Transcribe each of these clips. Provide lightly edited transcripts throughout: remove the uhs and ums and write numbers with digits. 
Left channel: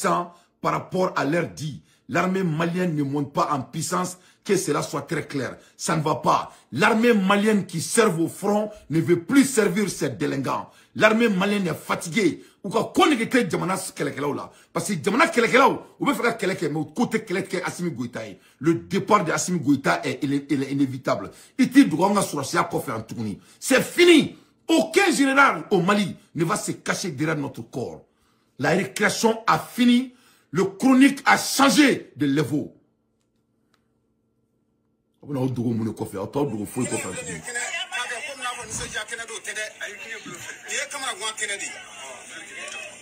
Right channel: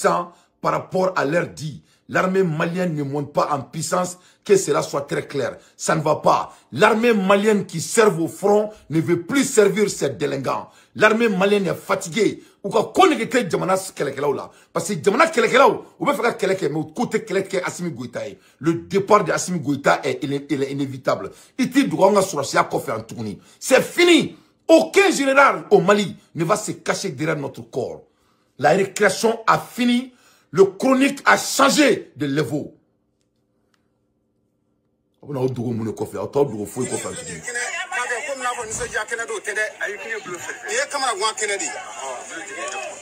puissants par rapport à leur dit. L'armée malienne ne monte pas en puissance, que cela soit très clair. Ça ne va pas. L'armée malienne qui sert au front ne veut plus servir ses délinquants. L'armée malienne est fatiguée. Ou ka konne ke jamana kelekelaw la parce que jamana kelekelaw ou be faire keleke mais côté keleke Assimi Goïta le départ de Assimi Goïta est inévitable. Iti doanga surasia kofi en tourni. C'est fini. Aucun général au Mali ne va se cacher derrière notre corps. La récréation a fini. Le chronique a changé de niveau. On a d'autres monde kofi, on a d'autres fou kofi.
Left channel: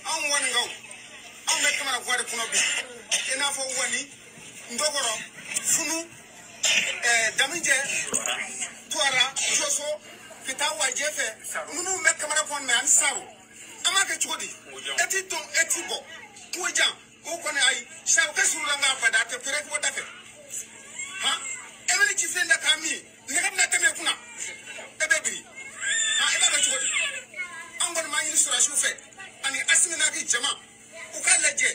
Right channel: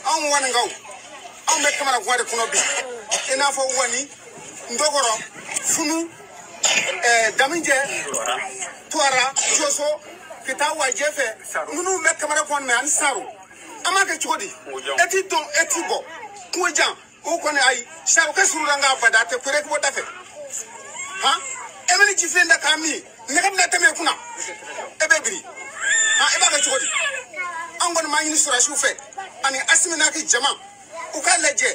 On wan ngaw on be kamara gwade kuno bi ina fo wani ndogoro funu daminje tuara joso kita wajefe munu be kamara kwan me ansaru amake chodi eti don eti bo kujan o kone ai sabu ka suranga fada te kure ko dafe ha emeni jifenda kami nekam na teme kuna ebebiri ha eba ka chodi angon ma yin sura shufe ani Asimi ki jama uka leje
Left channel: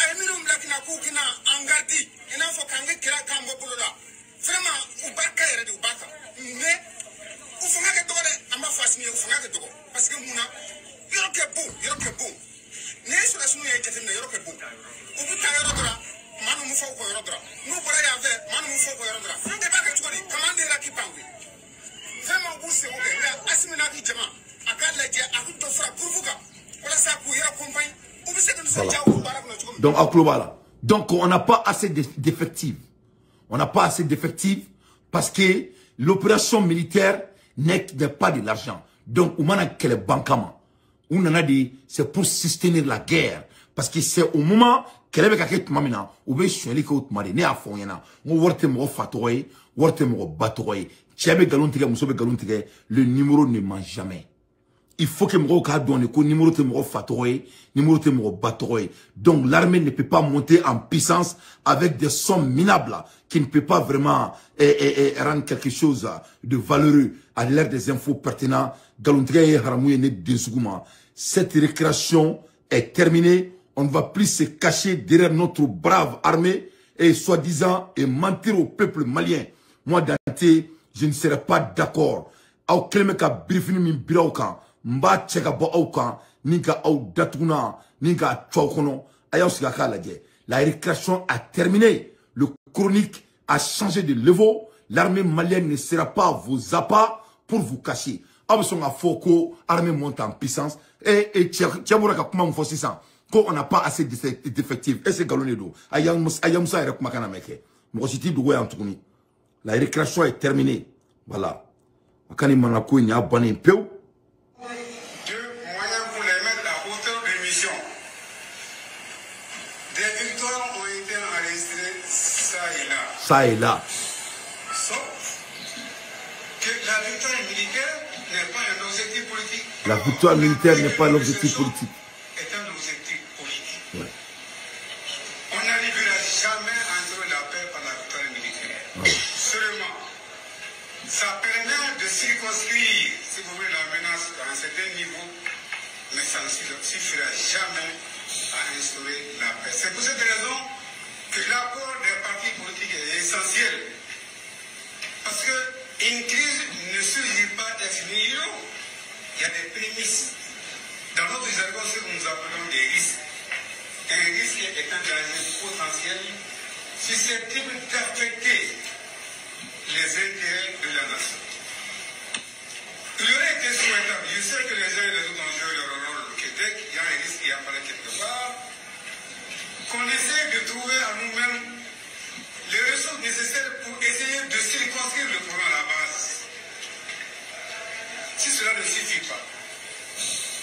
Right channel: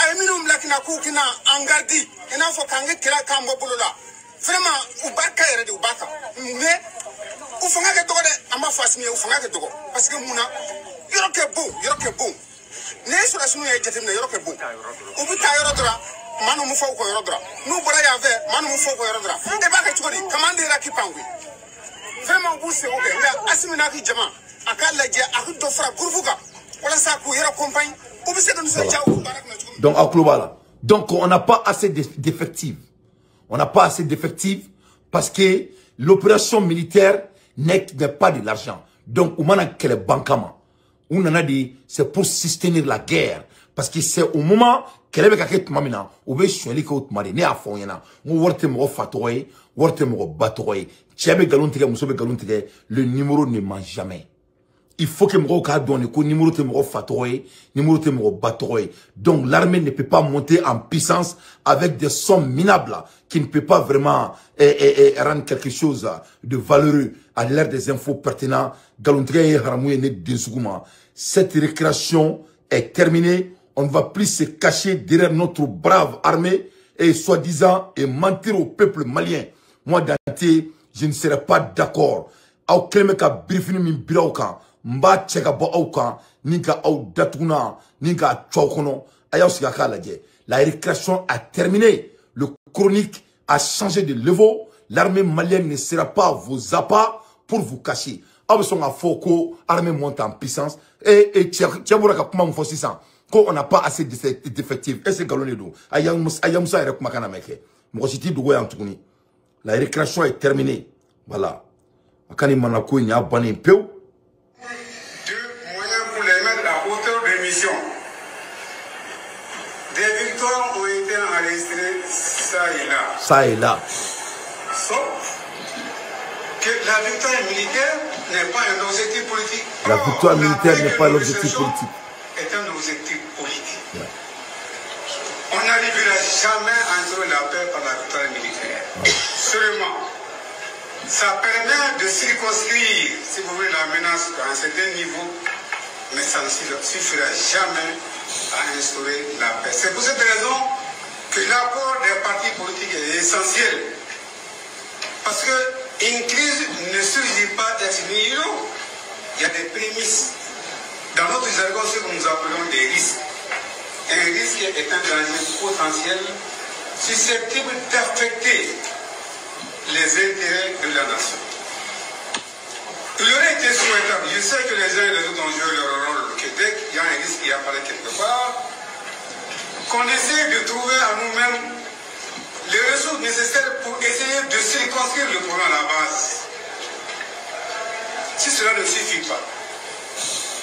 ay minum lakina ku kina angardi ina fo kange kira kambo bulula vraiment ubaka yere de ubaka mais ufanga ke dogo de amba fasmi ufanga ke dogo parce que muna yoro ke bon ne sura sunu ye jetem na yoro ke bon ubuta yoro dra manu mu fo ko yoro dra nu bora ya ve manu mu fo ko yoro dra e ba ke chukodi kamande ra ki pangwe vraiment bu se obe ya Asimi ki jama aka leje akudo fra kurvuka. Donc, à Klobala. Donc, on n'a pas assez d'effectifs. On n'a pas assez d'effectifs parce que l'opération militaire n'est pas de l'argent. Donc, on a que les bankama. On en a dit, c'est pour soutenir la guerre. Parce que c'est au moment qu'elle avait quelque chose mamina, ou bien si elle est comme mari, né à fond yana, on voit te mo fatoué, voit te mo batoué. Tiabe galontige, musobe galontige, le numéro ne ment jamais. Il faut que mon cas donne le numéro de mon fatoué, numéro de mon batoué. Donc l'armée ne peut pas monter en puissance avec des sommes minables qui ne peut pas vraiment rendre quelque chose de valeureux à l'ère des infos pertinentes. Cette récréation est terminée. On ne va plus se cacher derrière notre brave armée et soi-disant et mentir au peuple malien. Moi, Dante, je ne serai pas d'accord. Mba cheka bo auka ninka au datuna ninka choukono ayaw sigaka laje. La récréation a terminé. Le chronique a changé de niveau. L'armée malienne ne sera pas vos appâts pour vous cacher. Abson a foko armée monte en puissance et tiamura ka kuma mfo 600 ko on n'a pas assez d'effectifs et c'est galonedo ayam sa rek makana meke mo siti dugo ya tukuni. La récréation est terminée. Voilà. Akani manako nya bani peu. Des victoires ont été enregistrées ça et là. Sauf que la victoire militaire n'est pas un objectif politique. La victoire militaire n'est pas l'objectif politique. C'est un objectif politique. Ouais. On n'arrivera jamais à instaurer la paix par la victoire militaire. Ouais. Seulement, ça permet de circonscrire, si vous voulez, la menace à un certain niveau, mais ça ne suffira jamais à instaurer la paix. C'est pour cette raison que l'accord des partis politiques est essentiel. Parce qu'une crise ne surgit pas ex nihilo. Il y a des prémices. Dans notre jargon, ce que nous appelons des risques. Un risque est un danger potentiel susceptible d'affecter les intérêts de la nation. Il aurait été souhaitable, je sais que les uns et les autres ont joué leur rôle au Québec, il y a un risque qui apparaît quelque part, qu'on essaie de trouver à nous-mêmes les ressources nécessaires pour essayer de circonscrire le problème à la base. Si cela ne suffit pas,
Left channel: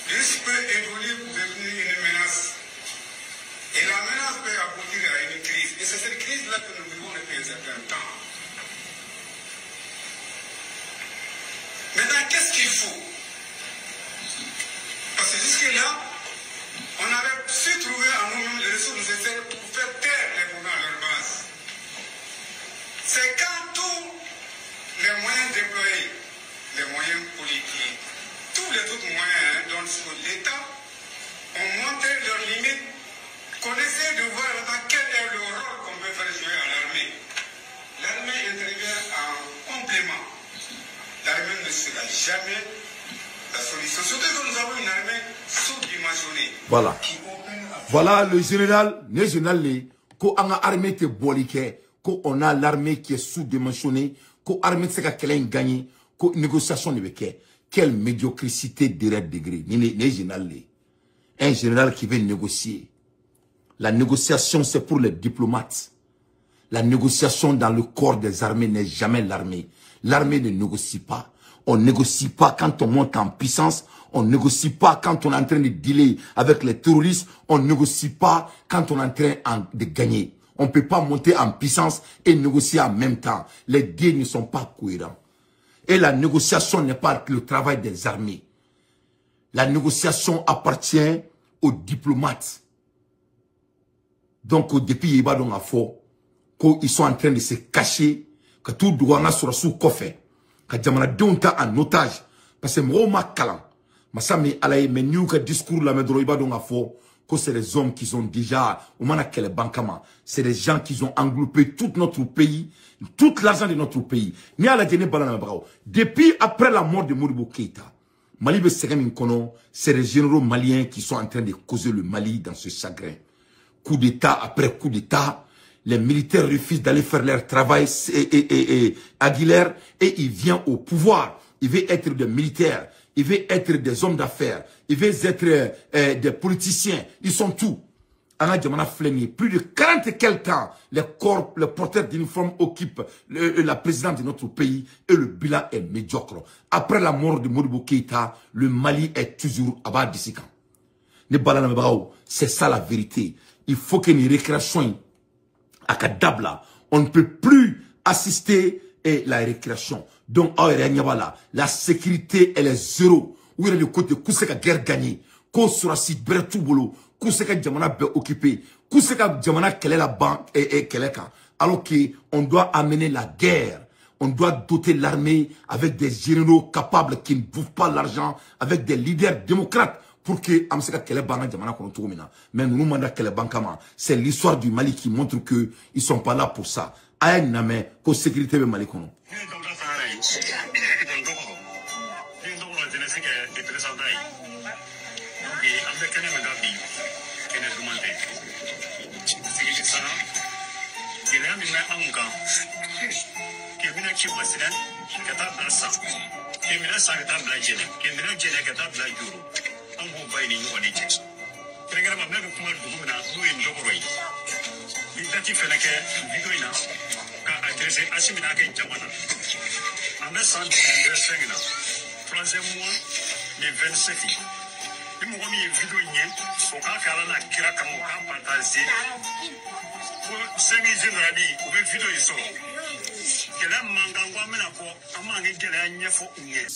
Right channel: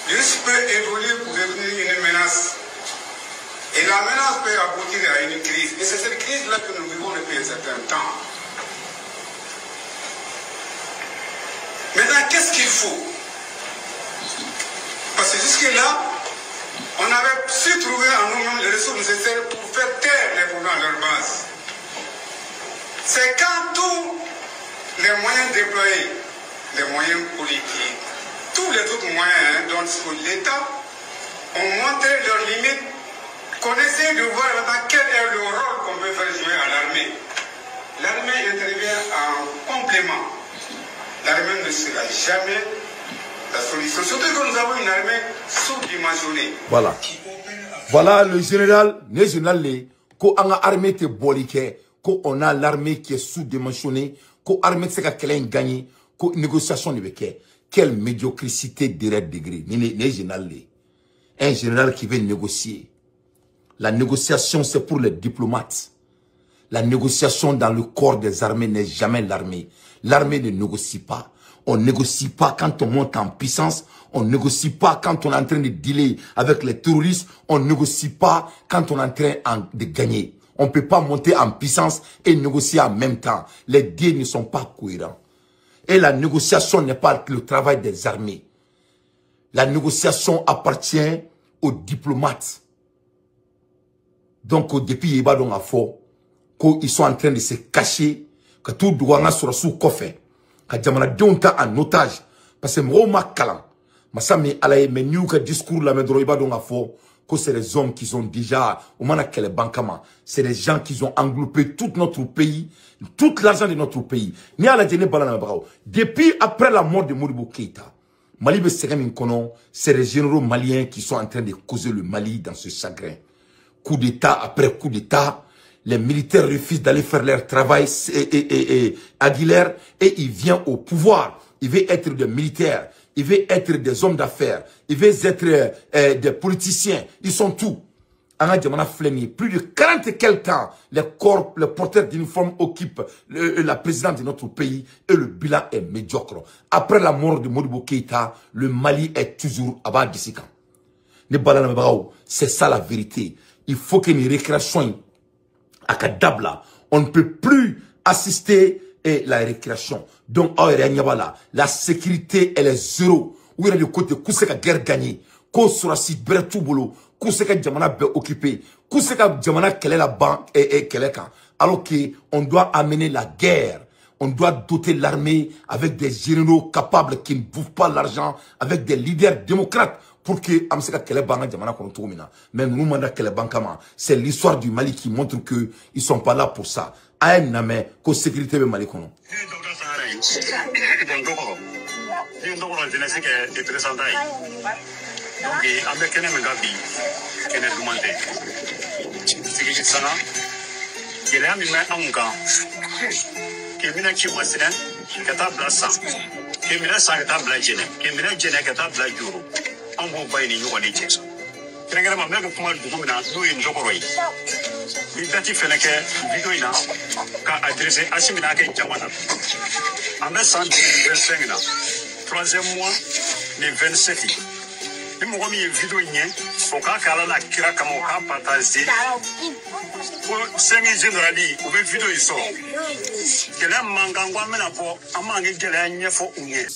le risque peut évoluer pour devenir une menace. Et la menace peut aboutir à une crise. Et c'est cette crise-là que nous vivons depuis un certain temps. Maintenant, qu'est-ce qu'il faut? Parce que jusque-là, on avait su trouver en nous-mêmes les ressources nécessaires pour faire taire les problèmes à leur base. C'est quand tous les moyens déployés, les moyens politiques, tous les autres moyens dont dispose l'État, ont montré leurs limites Connaissez de voir là-bas quel est le rôle qu'on peut faire jouer à l'armée. L'armée intervient en complément. L'armée ne sera jamais la solution. Surtout que nous avons une armée sous-dimensionnée. Voilà. Voilà le général ko anga armée te bolike, ko on a l'armée qui est sous-dimensionnée, ko armée se ka kelen gagné, ko négociation de beke. Quelle médiocrité direct degré. Un général qui veut négocier. La négociation, c'est pour les diplomates. La négociation dans le corps des armées n'est jamais l'armée. L'armée ne négocie pas. On ne négocie pas quand on monte en puissance. On ne négocie pas quand on est en train de dealer avec les terroristes. On ne négocie pas quand on est en train de gagner. On ne peut pas monter en puissance et négocier en même temps. Les deux ne sont pas cohérents. Et la négociation n'est pas le travail des armées. La négociation appartient aux diplomates. Donc, depuis il y a un fort, qu'ils sont en train de se cacher, que tout doit être sous coffre, que Jamana Donta en otage, parce que moi, ma calan, ma sami alaye, mais nous, que discours la médro, il y a un fort, que c'est les hommes qui sont déjà, au moment où les bankama, c'est les gens qui ont englobé tout notre pays, tout l'argent de notre pays. Depuis après la mort de Modibo Keïta, Mali c'est les généraux maliens qui sont en train de causer le Mali dans ce chagrin. Coup d'État après coup d'État, les militaires refusent d'aller faire leur travail Aguilère et il vient au pouvoir. Il veut être des militaires, il veut être des hommes d'affaires, il veut être des politiciens. Ils sont tout. Plus de 40 et quelques ans, les porteurs d'uniforme occupent la présidence de notre pays et le bilan est médiocre. Après la mort de Modibo Keïta, le Mali est toujours à bas de 6 ans. C'est ça la vérité. Il faut qu'il y ait une récréation à Kadabla. On ne peut plus assister à la récréation. Donc, la sécurité, elle est zéro. Où il y a le côté de la guerre gagnée. Qu'on sera si tout boulot. Kouseka Djamana be occupé, Kouseka Djamana quelle est la banque et quelle est quand. Alors qu'on doit amener la guerre, on doit doter l'armée avec des généraux capables qui ne bouffent pas l'argent, avec des leaders démocrates pour que Amseka quelle banque Djamana qu'on trouve maintenant. Mais nous demandons quelle banque c'est l'histoire du Mali qui montre que ils sont pas là pour ça. Aïe name ko sécurité be Mali kono. Donc, avec un Megabi, qui est demandé. C'est ça. Il y a un gars qui est venu qui est président, qui est à Blassa, qui est venu à Blagene, qui est venu à Blaguro. On va pas y aller au Nigeria. Il y a un mec qui m'a dit que nous sommes Jokoroi. Il a dit que la vidéo a adressé à Simina Jamana. En 1925, troisième mois, le 27. Il m'a mis une vidéo, au cas où elle a kira comme au cas partagé. Pour 5 générali, ou bien vidéo, il sort. Il y a un mangangwa, mais il y a un mangangwa,